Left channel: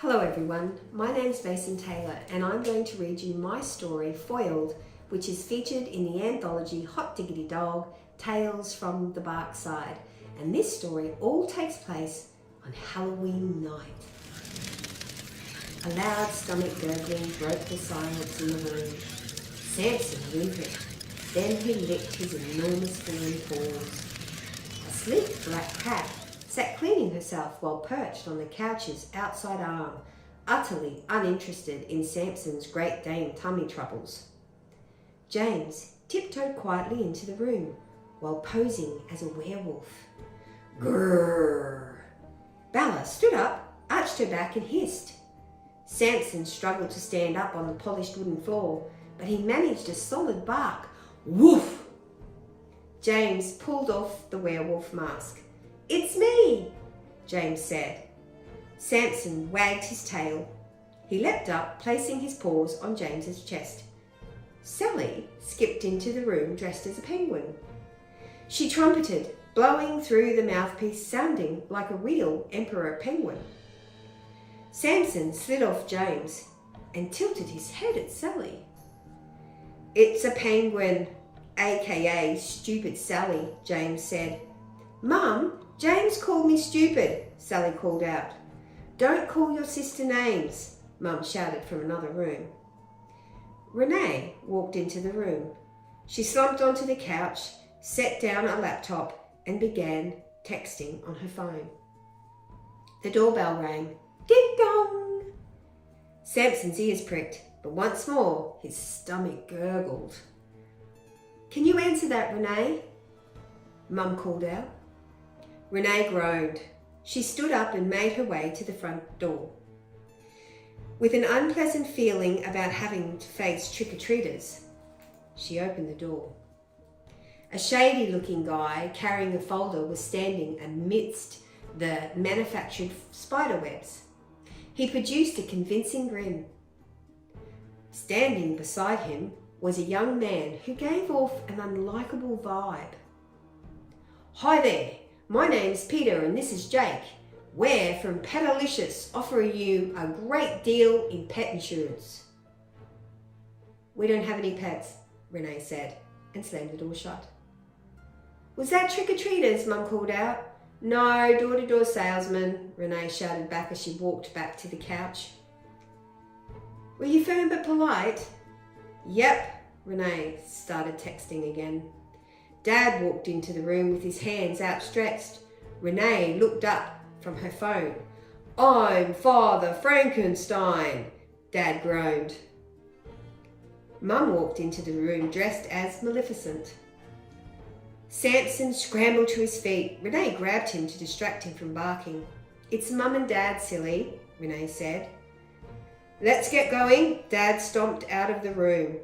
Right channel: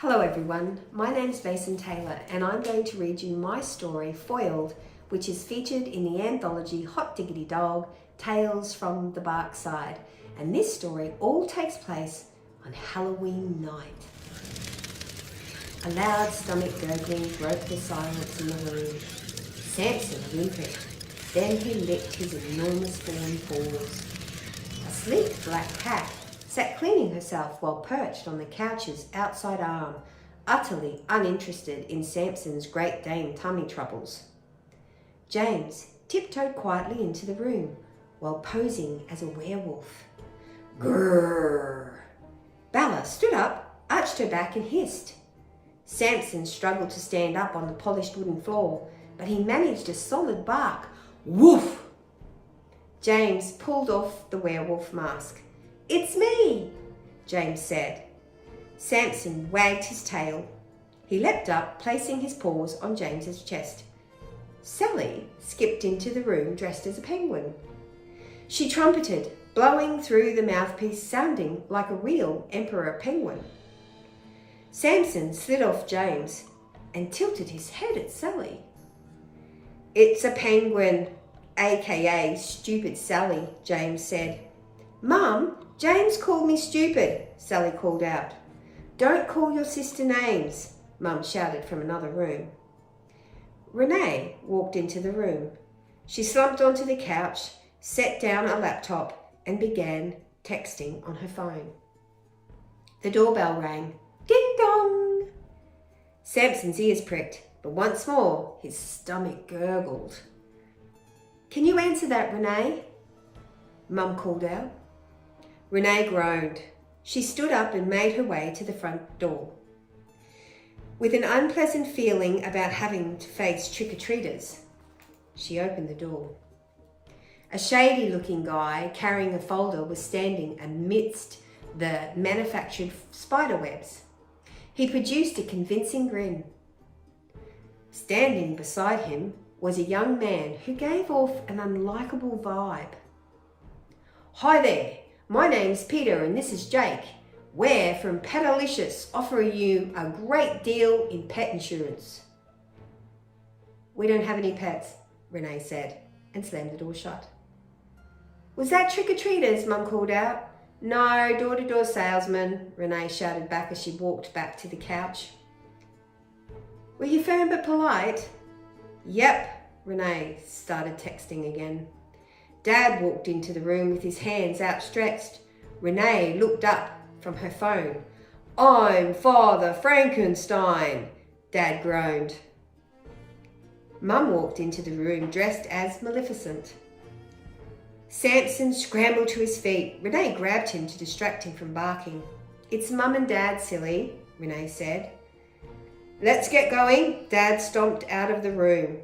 Hello everyone, my name's Vacen and I'm going to read you my story, Foiled, which is featured in the anthology Hot Diggity Dog, Tales from the Bark Side. And this story all takes place on Halloween night. A loud stomach gurgling broke the silence in the room. Samson whimpered. Then he licked his enormous thorny paws. A sleek black cat sat cleaning herself while perched on the couch's outside arm, utterly uninterested in Samson's Great Dane tummy troubles. James tiptoed quietly into the room while posing as a werewolf. Grrr! Bella stood up, arched her back and hissed. Samson struggled to stand up on the polished wooden floor, but he managed a solid bark. Woof! James pulled off the werewolf mask. "It's me," James said. Samson wagged his tail. He leapt up, placing his paws on James's chest. Sally skipped into the room dressed as a penguin. She trumpeted, blowing through the mouthpiece, sounding like a real emperor penguin. Samson slid off James and tilted his head at Sally. "It's a penguin, aka Stupid Sally," James said. "Mum, James called me stupid," Sally called out. "Don't call your sister names," Mum shouted from another room. Renee walked into the room. She slumped onto the couch, set down a laptop and began texting on her phone. The doorbell rang. Ding dong! Samson's ears pricked, but once more his stomach gurgled. "Can you answer that, Renee?" Mum called out. Renee groaned. She stood up and made her way to the front door. With an unpleasant feeling about having to face trick-or-treaters, she opened the door. A shady-looking guy carrying a folder was standing amidst the manufactured spiderwebs. He produced a convincing grin. Standing beside him was a young man who gave off an unlikable vibe. "Hi there. My name's Peter and this is Jake. We're from Petalicious, offering you a great deal in pet insurance." "We don't have any pets," Renee said, and slammed the door shut. "Was that trick-or-treaters?" Mum called out. "No, door-to-door salesman," Renee shouted back as she walked back to the couch. "Were you firm but polite?" "Yep," Renee started texting again. Dad walked into the room with his hands outstretched. Renee looked up from her phone. "I'm Father Frankenstein," Dad groaned. Mum walked into the room dressed as Maleficent. Samson scrambled to his feet. Renee grabbed him to distract him from barking. "It's Mum and Dad, silly," Renee said. "Let's get going." Dad stomped out of the room.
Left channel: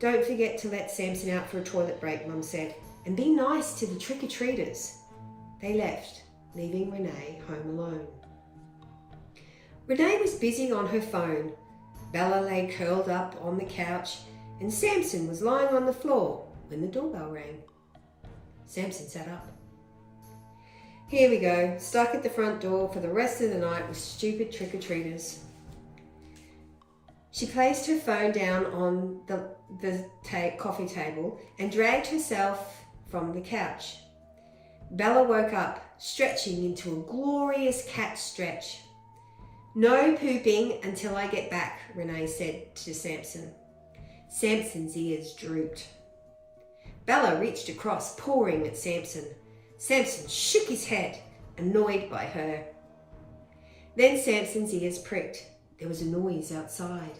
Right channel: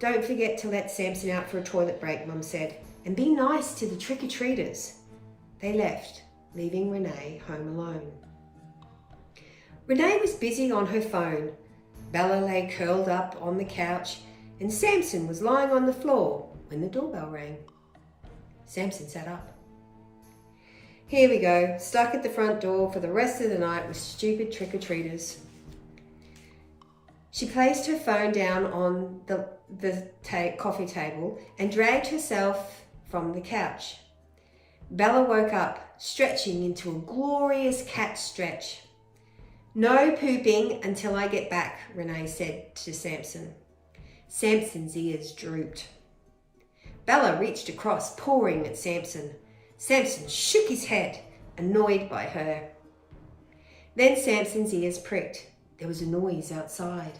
"Don't forget to let Samson out for a toilet break," Mum said, "and be nice to the trick-or-treaters." They left, leaving Renee home alone. Renee was busy on her phone. Bella lay curled up on the couch, and Samson was lying on the floor when the doorbell rang. Samson sat up. "Here we go, stuck at the front door for the rest of the night with stupid trick-or-treaters." She placed her phone down on the coffee table and dragged herself from the couch. Bella woke up, stretching into a glorious cat stretch. "No pooping until I get back," Renee said to Samson. Samson's ears drooped. Bella reached across, pawing at Samson. Samson shook his head, annoyed by her. Then Samson's ears pricked. There was a noise outside.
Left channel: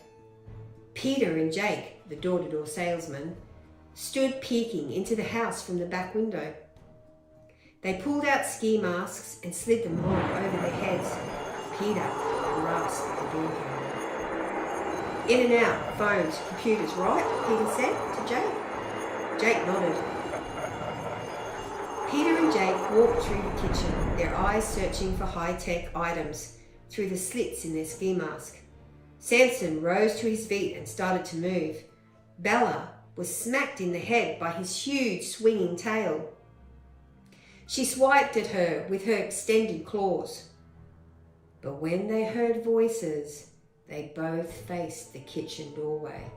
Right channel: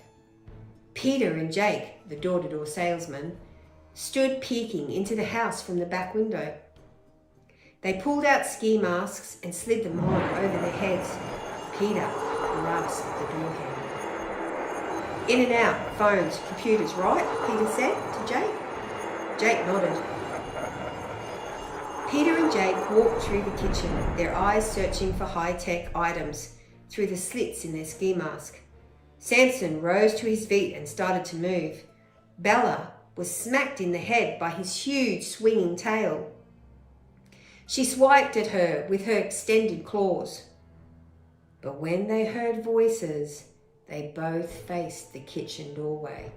Peter and Jake, the door-to-door salesman, stood peeking into the house from the back window. They pulled out ski masks and slid them on over their heads. Peter grasped the door handle. "In and out, phones, computers, right?" Peter said to Jake. Jake nodded. Peter and Jake walked through the kitchen, their eyes searching for high-tech items through the slits in their ski mask. Samson rose to his feet and started to move. Bella was smacked in the head by his huge swinging tail. She swiped at her with her extended claws. But when they heard voices, they both faced the kitchen doorway.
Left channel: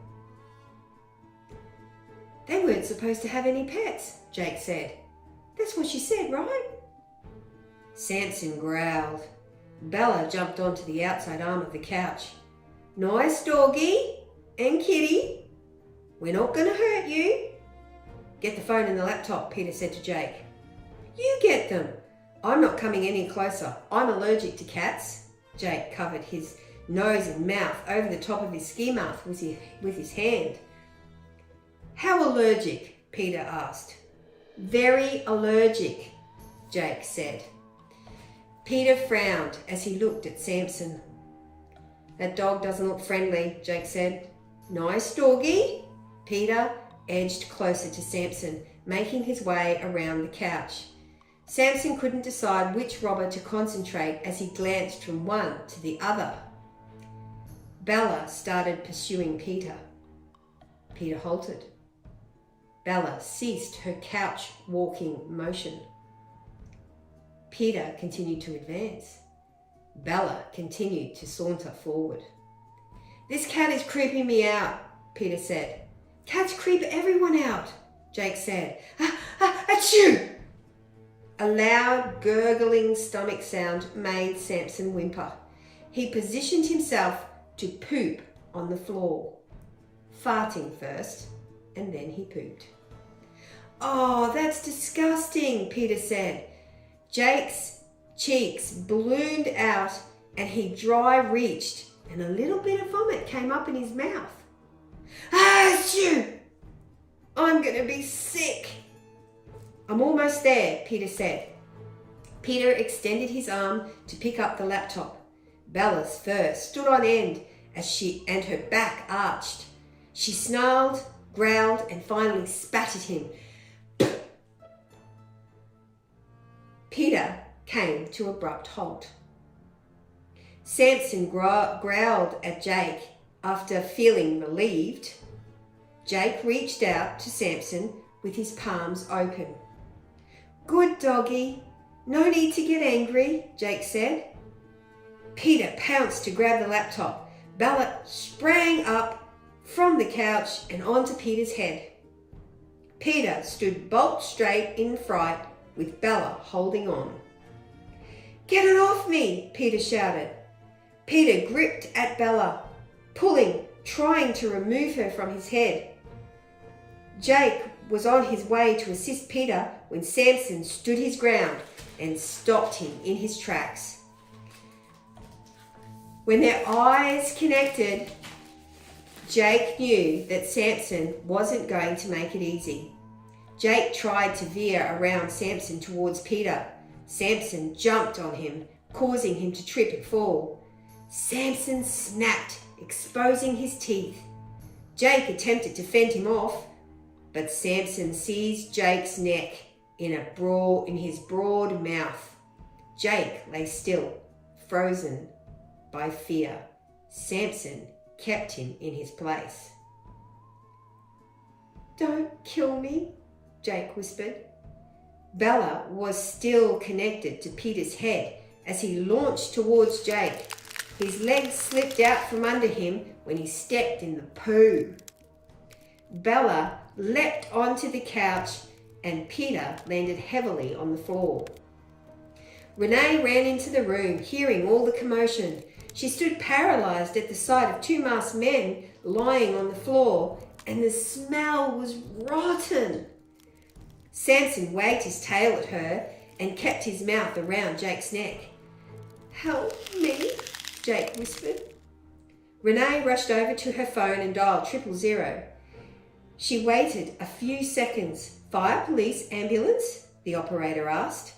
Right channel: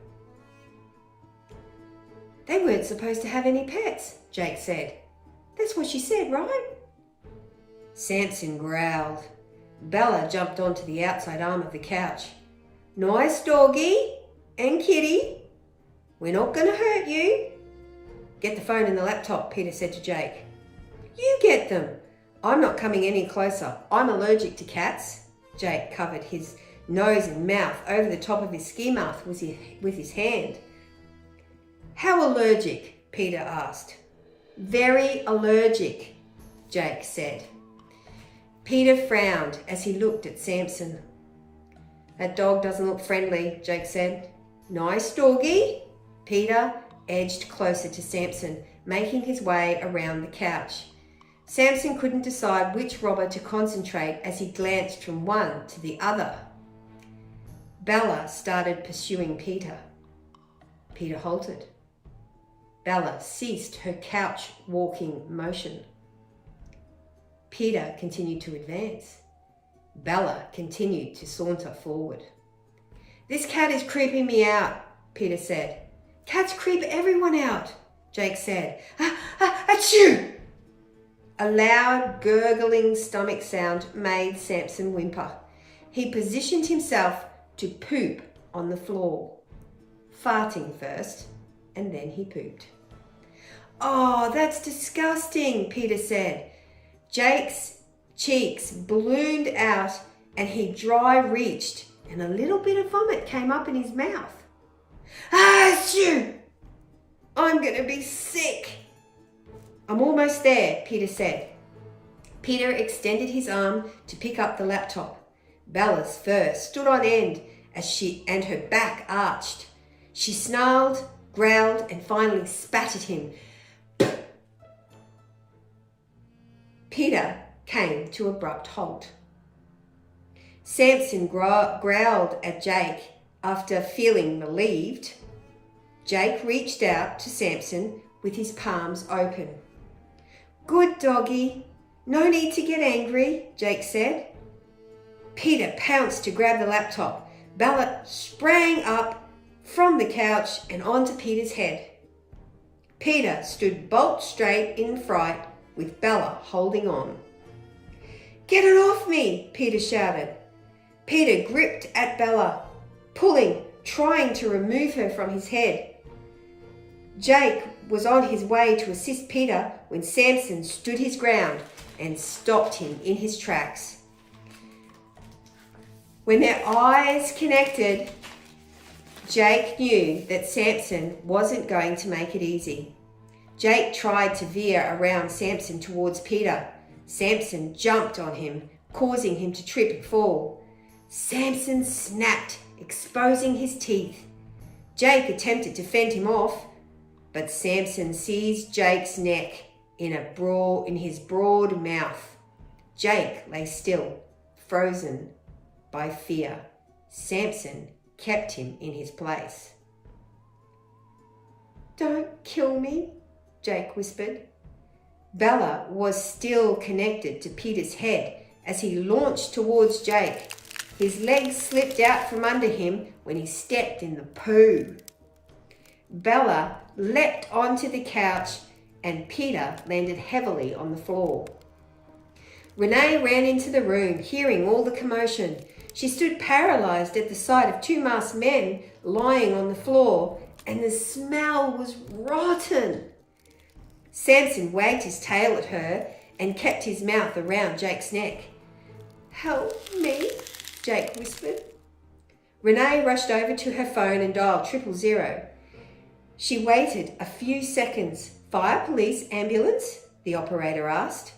"They weren't supposed to have any pets," Jake said. "That's what she said, right?" Samson growled. Bella jumped onto the outside arm of the couch. "Nice doggy and kitty. We're not going to hurt you." "Get the phone and the laptop," Peter said to Jake. "You get them. I'm not coming any closer. I'm allergic to cats." Jake covered his nose and mouth over the top of his ski mask with his hand. "How allergic?" Peter asked. "Very allergic," Jake said. Peter frowned as he looked at Samson. "That dog doesn't look friendly," Jake said. "Nice doggy." Peter edged closer to Samson, making his way around the couch. Samson couldn't decide which robber to concentrate as he glanced from one to the other. Bella started pursuing Peter. Peter halted. Bella ceased her couch walking motion. Peter continued to advance. Bella continued to saunter forward. "This cat is creeping me out," Peter said. "Cats creep everyone out," Jake said. Achoo! A loud, gurgling stomach sound made Samson whimper. He positioned himself to poop on the floor, farting first, and then he pooped. "Oh, that's disgusting," Peter said. Jake's cheeks ballooned out and he dry reached, and a little bit of vomit came up in his mouth. Achoo! "I'm going to be sick." "I'm almost there," Peter said. Peter extended his arm to pick up the laptop. Bella's fur stood on end and her back arched. She snarled, growled, and finally spat at him. Peter came to abrupt halt. Samson growled at Jake after feeling relieved. Jake reached out to Samson with his palms open. "Good doggy. No need to get angry," Jake said. Peter pounced to grab the laptop. Bella sprang up from the couch and onto Peter's head. Peter stood bolt straight in fright with Bella holding on. "Get it off me," Peter shouted. Peter gripped at Bella, pulling, trying to remove her from his head. Jake was on his way to assist Peter when Samson stood his ground and stopped him in his tracks. When their eyes connected, Jake knew that Samson wasn't going to make it easy. Jake tried to veer around Samson towards Peter. Samson jumped on him, causing him to trip and fall. Samson snapped, exposing his teeth. Jake attempted to fend him off, but Samson seized Jake's neck in his broad mouth. Jake lay still, frozen by fear. Samson kept him in his place. "Don't kill me," Jake whispered. Bella was still connected to Peter's head as he launched towards Jake. His legs slipped out from under him when he stepped in the poo. Bella leapt onto the couch and Peter landed heavily on the floor. Renee ran into the room, hearing all the commotion. She stood paralysed at the sight of two masked men lying on the floor, and the smell was rotten. Samson wagged his tail at her and kept his mouth around Jake's neck. "Help me," Jake whispered. Renee rushed over to her phone and dialed 000. She waited a few seconds. "Fire, police, ambulance?" the operator asked.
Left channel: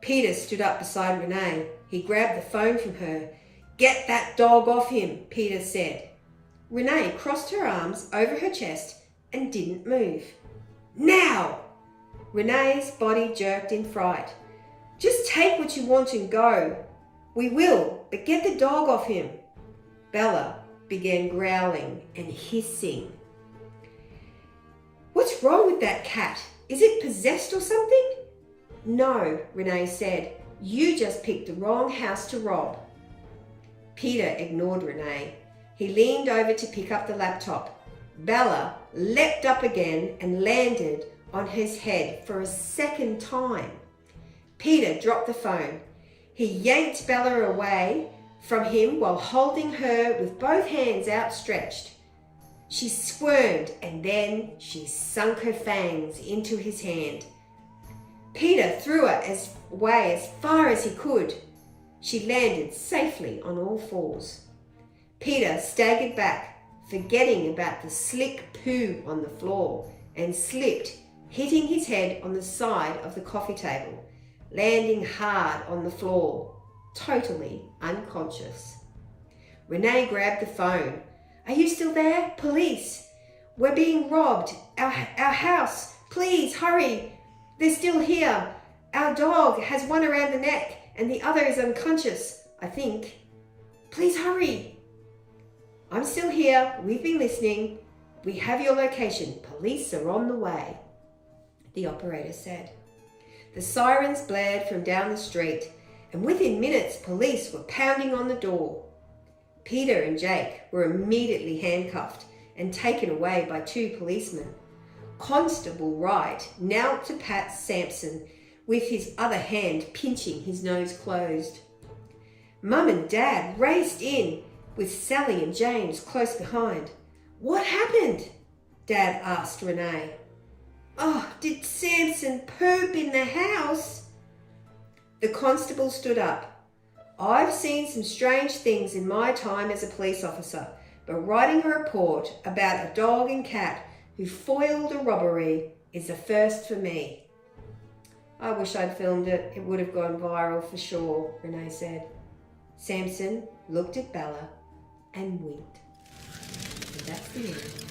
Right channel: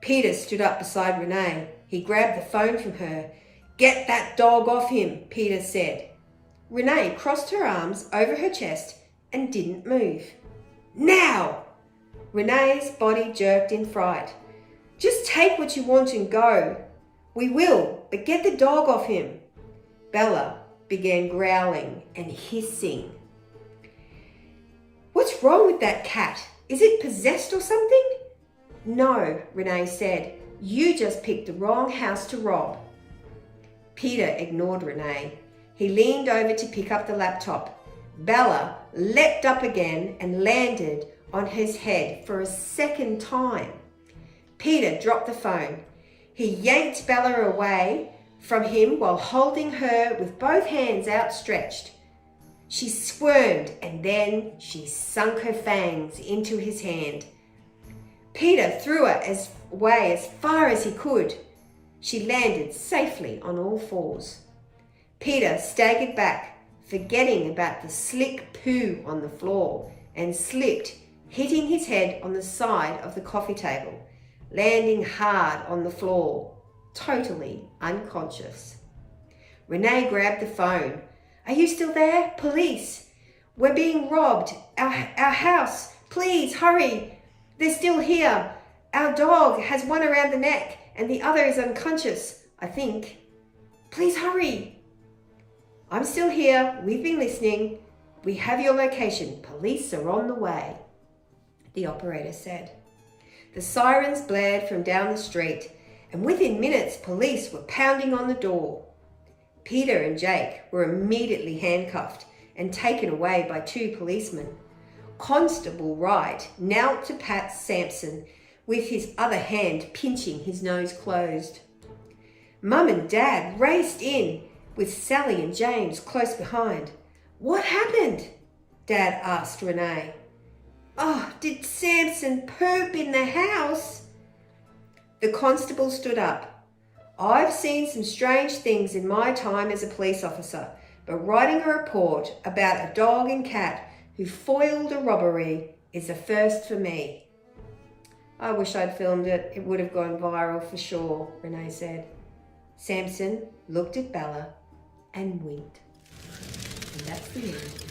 Peter stood up beside Renee. He grabbed the phone from her. "Get that dog off him," Peter said. Renee crossed her arms over her chest and didn't move. "Now!" Renee's body jerked in fright. "Just take what you want and go." "We will, but get the dog off him." Bella began growling and hissing. "What's wrong with that cat? Is it possessed or something?" "No," Renee said. "You just picked the wrong house to rob." Peter ignored Renee. He leaned over to pick up the laptop. Bella leapt up again and landed on his head for a second time. Peter dropped the phone. He yanked Bella away from him while holding her with both hands outstretched. She squirmed and then she sunk her fangs into his hand. Peter threw her away as far as he could. She landed safely on all fours. Peter staggered back, forgetting about the slick poo on the floor, and slipped, hitting his head on the side of the coffee table, landing hard on the floor, totally unconscious. Renee grabbed the phone. "Are you still there? Police! We're being robbed! Our house! Please, hurry! They're still here! Our dog has one around the neck and the other is unconscious, I think. Please hurry!" "I'm still here. We've been listening. We have your location. Police are on the way," the operator said. The sirens blared from down the street, and within minutes police were pounding on the door. Peter and Jake were immediately handcuffed and taken away by 2 policemen. Constable Wright knelt to pat Sampson with his other hand pinching his nose closed. Mum and Dad raced in with Sally and James close behind. "What happened?" Dad asked Renee. "Oh, did Sampson poop in the house?" The constable stood up. "I've seen some strange things in my time as a police officer, but writing a report about a dog and cat who foiled a robbery is a first for me." "I wish I'd filmed it. It would have gone viral for sure," Renee said. Sampson looked at Bella and winked. And that's the end.